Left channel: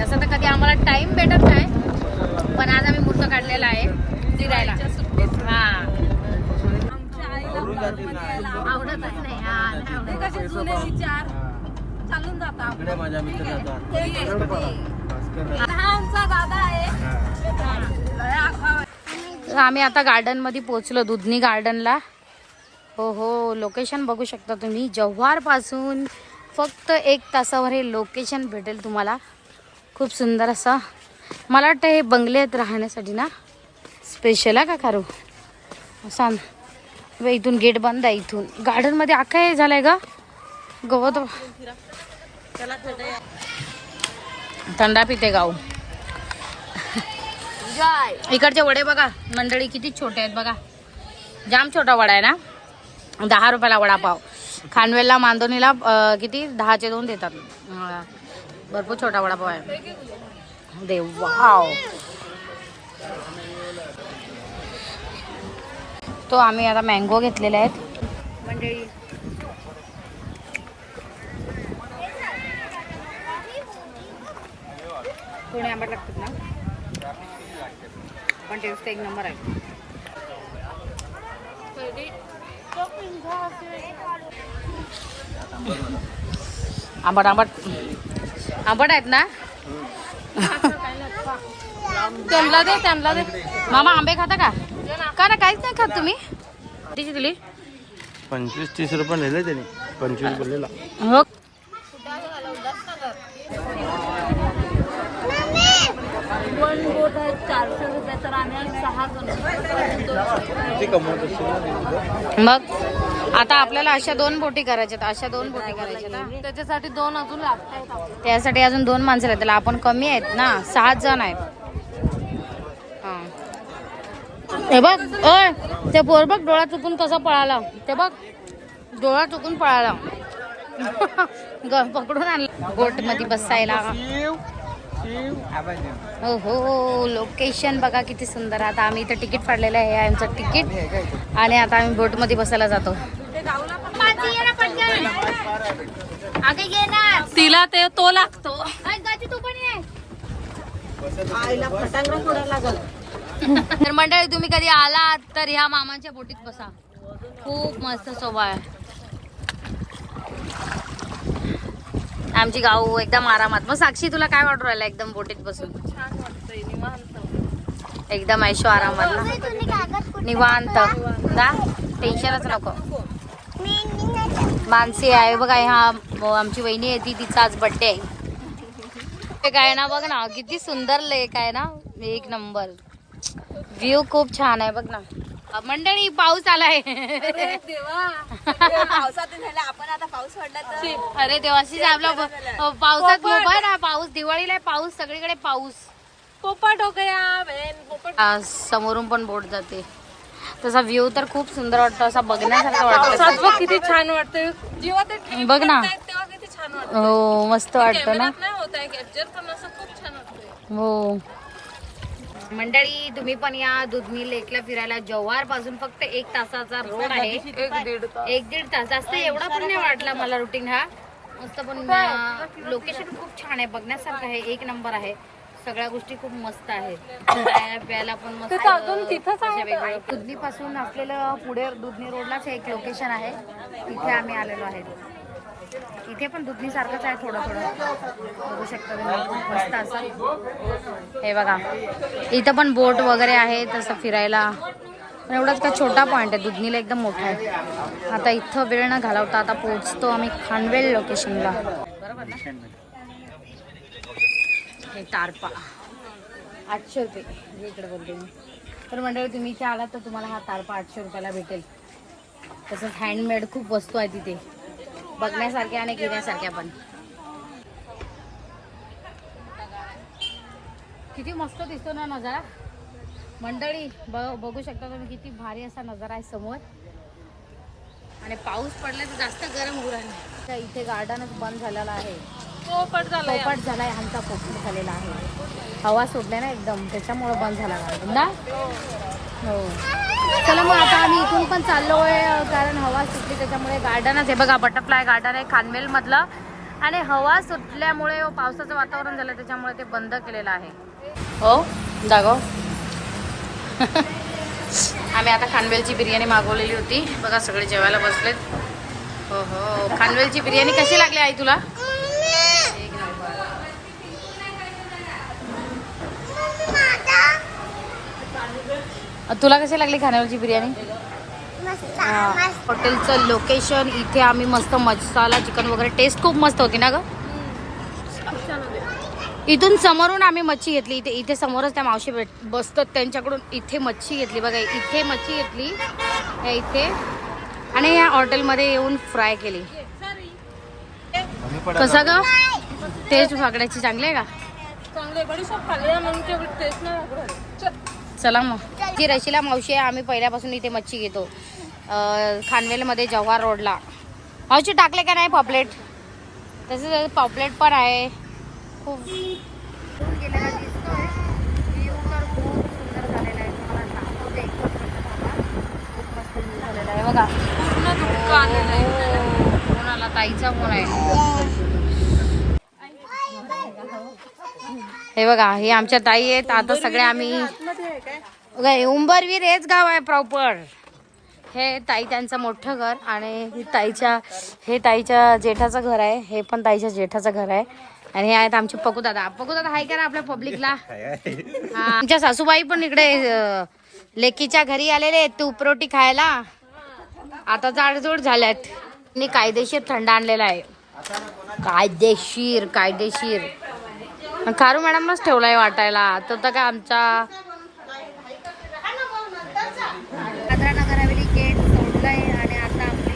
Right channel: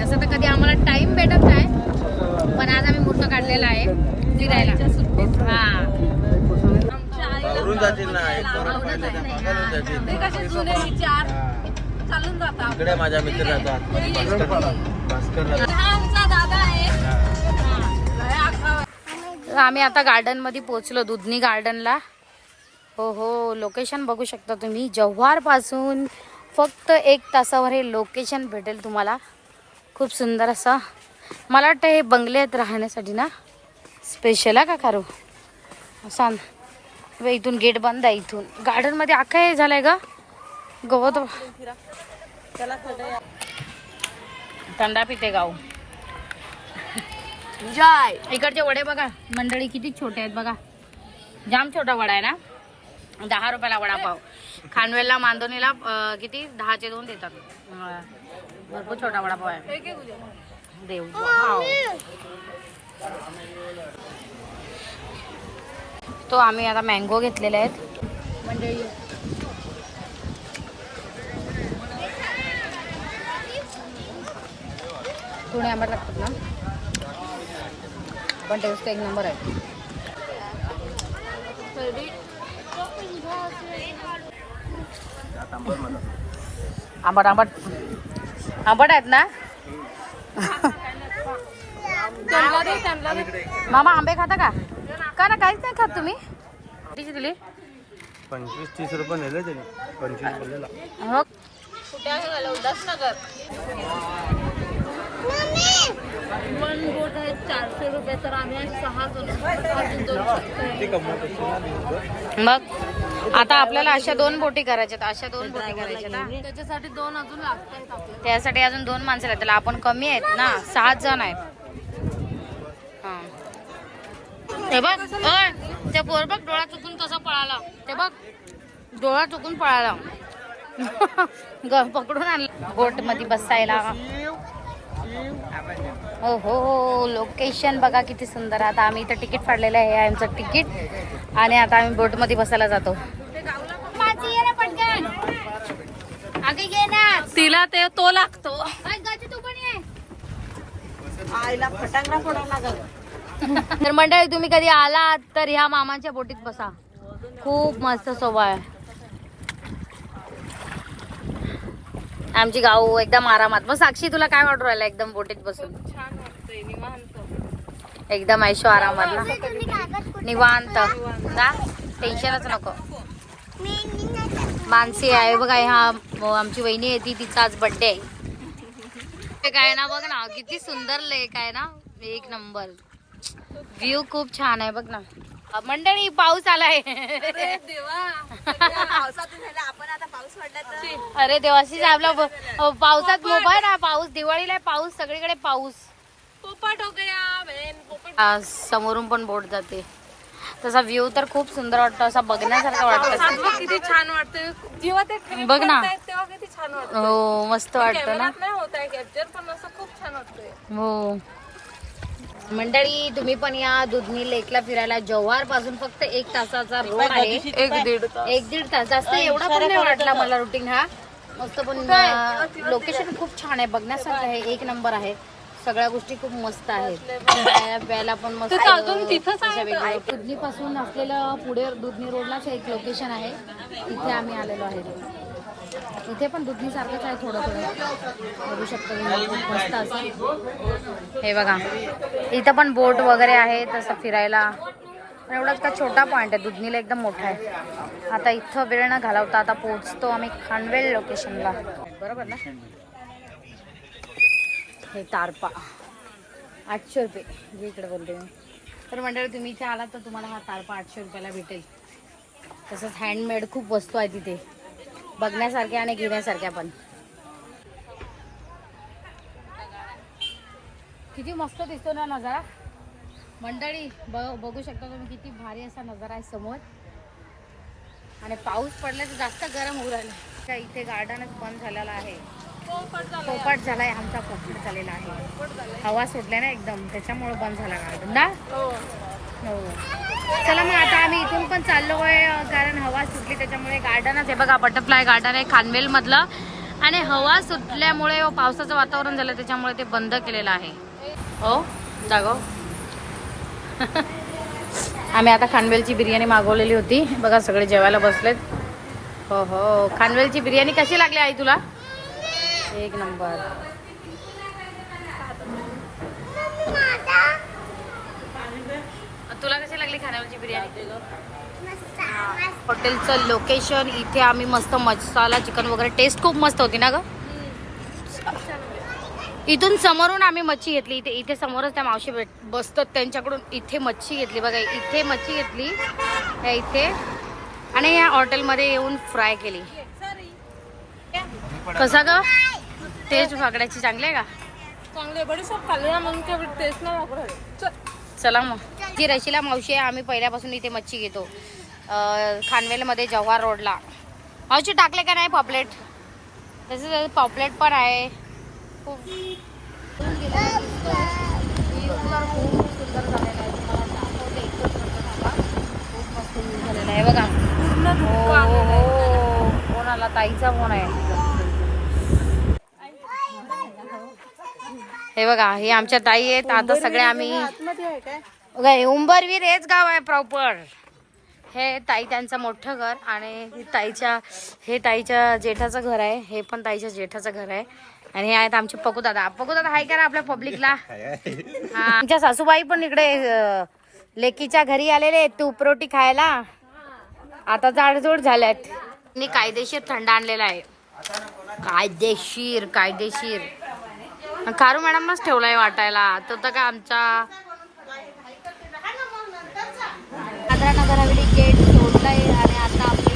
तर कधी आम्हाला टाइम भेटत नाही. पण आज आम्ही मुहूर्त काढलेला आहे. फिरायला हा. इकडे माझ्या मित्र आम्ही आता गार्डनमध्ये पोहोचलो दुधनी गार्डनला हो हो. लोकेशन बघू शकता तुम्ही. जव्हारपासून फक्त एक तासावर हे लोकेशन भेटेल तुम्हाला. खूप सुंदर असं. मला वाटतं हे बंगले आहेत राहण्यासाठी ना. स्पेशल आहे का खारू? सांग. वे इथून गेट बंद आहे इथून. गार्डनमध्ये आखा हे झालंय का गवत थंडा पिते गाव इकडचे वडे बघा. मंडळी किती छोटे आहेत बघा. जाम छोटा वडा आहे ना. दहा रुपयाला वडापाव. खानवेलला मांदोनीला किती? दहाचे दोन देतात. भरपूर छोटा वडापाव आहे. देव वाव. तो आम्ही आता मँगो घेतलेले आहेत. मंडळी. थोडे आंबट लागतात ना? पण टेस्ट एक नंबर आहे. आंबट आंबट. आंबट आहेत ना? त्यांना दे त्यांना दे. मामा आंबे खाता का? का ना काहीच नाही खात तुम्ही? कितीची दिली? पंचवीस तीस रुपये नेले त्यांनी. पंचवीस बोललेला हो. वन बोट आहे चारशे रुपये तर आम्ही सहा जण. किती? मग? आता आपल्याला अशा दोन बोटी करायच्यात अशा दोन बोटी करायच्यात हा. त्याच्यासाठी दोन अजून लागत आहेत आपल्याला. त्यासाठी अजून दोन माणसं त्याला आपण कमी आहेत ना सहा जण आहेत. हा. हे बघ ते पोर बघ डोळा चुकून कसा पळाला. ते बघ डोळा चुकून पळाला. पकडून आणला. बोटमध्ये बसायला. हो हो लोकेशन बघा किती सुंदर. आता आम्ही इथं तिकीट फाडलेलं आहे आहे आमचं तिकीट. आणि आता आम्ही बोटमध्ये बसायला जातो. तिला ते तो लागतो. तर मंडळी तुम्ही कधी आलात तर ह्या मामांच्या बोटीत बसा. खूप मस्त स्वभाव आहे. आमची गाव एकदम आरामात. मग साक्षी तुला काय वाटू राहिलं एकदम बोटीत बसून? छान वाटतंय निवांत. एकदम ऐशो आरामात ना निवांत. ना टेन्शनच नको. मानसी आहे. बघा ह्या आमची वहिनी आहे ती तिचा आज बर्थडे आहे. ते काय ना बघ ना किती सुंदर लेक आहे ना. एक नंबर. व्ह्यू खूप छान आहे बघ ना. मंडळी पाऊस आलाय. अरे देवाशी आपला पावसात मोबाईल ना पाऊस दिवाळीला आहे पाऊस सगळीकडे पाऊस. पोपट हो गया समोरून पण बोट जाते. तसा व्ह्यू तर खूप सुंदर वाटतो असा बघण्यासारखा वाटतं. किती छान वाटतंय. जेव्हा ते ठिबक बघ ना. पडतायत तेव्हा किती छान वाटतं हो मस्त वाटतं ना. हो. मंडळी तुम्ही पण या दुधनी लेकला फिरायला. जव्हारपासून फक्त एक तासाचा रोड आहे. एक दीड तास. एक दीड तास. जास्त एवढा पण नाही वाटला मला रुटीन हा. मस्त पण लोकेशन खूप छान आहे. बघण्यासारखं आहे. एक नंबर आहे. सगळ्या गोष्टी खूप मस्त आहेत. खायला प्यायला पण मस्त दुधनी पासून असलेलं पुढे दुधनी रोडलाच एक लोकेशन आहे. तिथे आम्ही आलेलो आहे. इथे पण दुधनी सारखंच आहे थोडं थोडं. बघू शकता तुम्ही खूप मस्त असं. हे बघा. इथं पण बोट वगैरे आहे तसं फिरायला. पण एवढाच का छोटा पॉईंट आहे. दुधनीला एकदम मोठा आहे. आता इथं वेळ न घालवता आता पोहोचतो आम्ही खानवेल लोकेशनला हे तारपा. आठशे रुपये. इकडे बोलते मी. तर मंडळी तुम्ही इथे आलात तर तुम्हाला हा तारपा आठशे रुपयाला भेटेल. तसंच हँडमेड खूप वस्तू आहे तिथे. बघण्यासारख्या आणि घेण्यासारख्या पण. किती मस्त दिसतो ना नजारा. मंडळी ब- बघू शकता तुम्ही किती भारी असा नजारा आहे समोर. आणि पाऊस पडला की जास्त गरम होऊ राहील. त्या इथे गार्डनच बंद झालेला आहे. पोपट झाला झालाय आमचा पोपट झालेला आहे. हवा सुटल्या ना एकदम त्याच्यामुळे बंद झाला गार्डन ना हो. चला मग आता आम्ही इथून पण चाललोय कारण हवा सुटली त्याच्यामुळे गार्डनच आहे बघा बटरफ्लाय गार्डन आहे खानवेल मधलं आणि हवा सुटल्यामुळे हो, पावसाचं वातावरण झालं त्याच्यामुळे ते बंद केलेलं आहे. हो दागो. आम्ही आता खानवेलची बिर्याणी मागवलेली होती. बघा सगळे जेवायला बसलेत. हो हो. खानवेलची बिर्याणी कशी लागली आई तुला? तुला कशी लागली खाण्यावरची बिर्याणी? हा. हॉटेलचं लोकेशन इथे आम्ही मस्त मसाला चिकन वगैरे. टेस्ट खूप मस्त होती ना ग? इथून समोरून आम्ही मच्छी घेतली. इथे इथे समोरच त्या मावशी भेट बसतात त्यांच्याकडून. इथे मच्छी घेतली. बघा इथे मच्छी घेतली. इथे. आणि या हॉटेलमध्ये येऊन फ्राय केली. कसा ग? टेस्ट फाकड्याची चांगली आहे का? चला मग. जी रशिला मावशी आहे आम्ही पहिल्यापासून इथे मच्छी घेतो. खानवेलमध्ये जव्हार रोडला. मावशी टाकले का नाही पॉपलेट? तसेच पॉपलेट पण आहे. खूप. इथून गेलेला दिसतोय. व्ह्यू तर खूप सुंदर झालेला आहे तुम्हाला सांगते एकच मिनिट थांबा. खूप मस्त व्ह्यू झालेला आहे बघा. पूर्ण धुक्क आलेलं आहे. हो, फोन आला? ताईचा फोन आहे. हे बघा हे आमच्या ताई आहेत. आता सगळे आम्ही उंबरवीर हेच गाव आहे प्रॉपर हे ताई त्यांचं मोठं घर आणि ही ताईच्या हे ताईच्या जेठाचं घर आहे. हे पण ताईच्या जेठाचं घर आहे. आणि हे आहेत आमचे पकू दादा. पकू दादा हाय करा आपल्या पब्लिकला हा आमच्या सासूबाई पण इकडे लेकीच्या घरी आलेले आहेत. तूप रोटी खायला. आता जाडजूड झाल्यात. मी कायदेशीर थंड आणलेला आहे. कायदेशीर कायदेशीर. खारू मॅडमच ठेवलाय वाटायला. तो तर काय आमचा दादरा नगर हवेली गेट सोडलं आहे आणि आता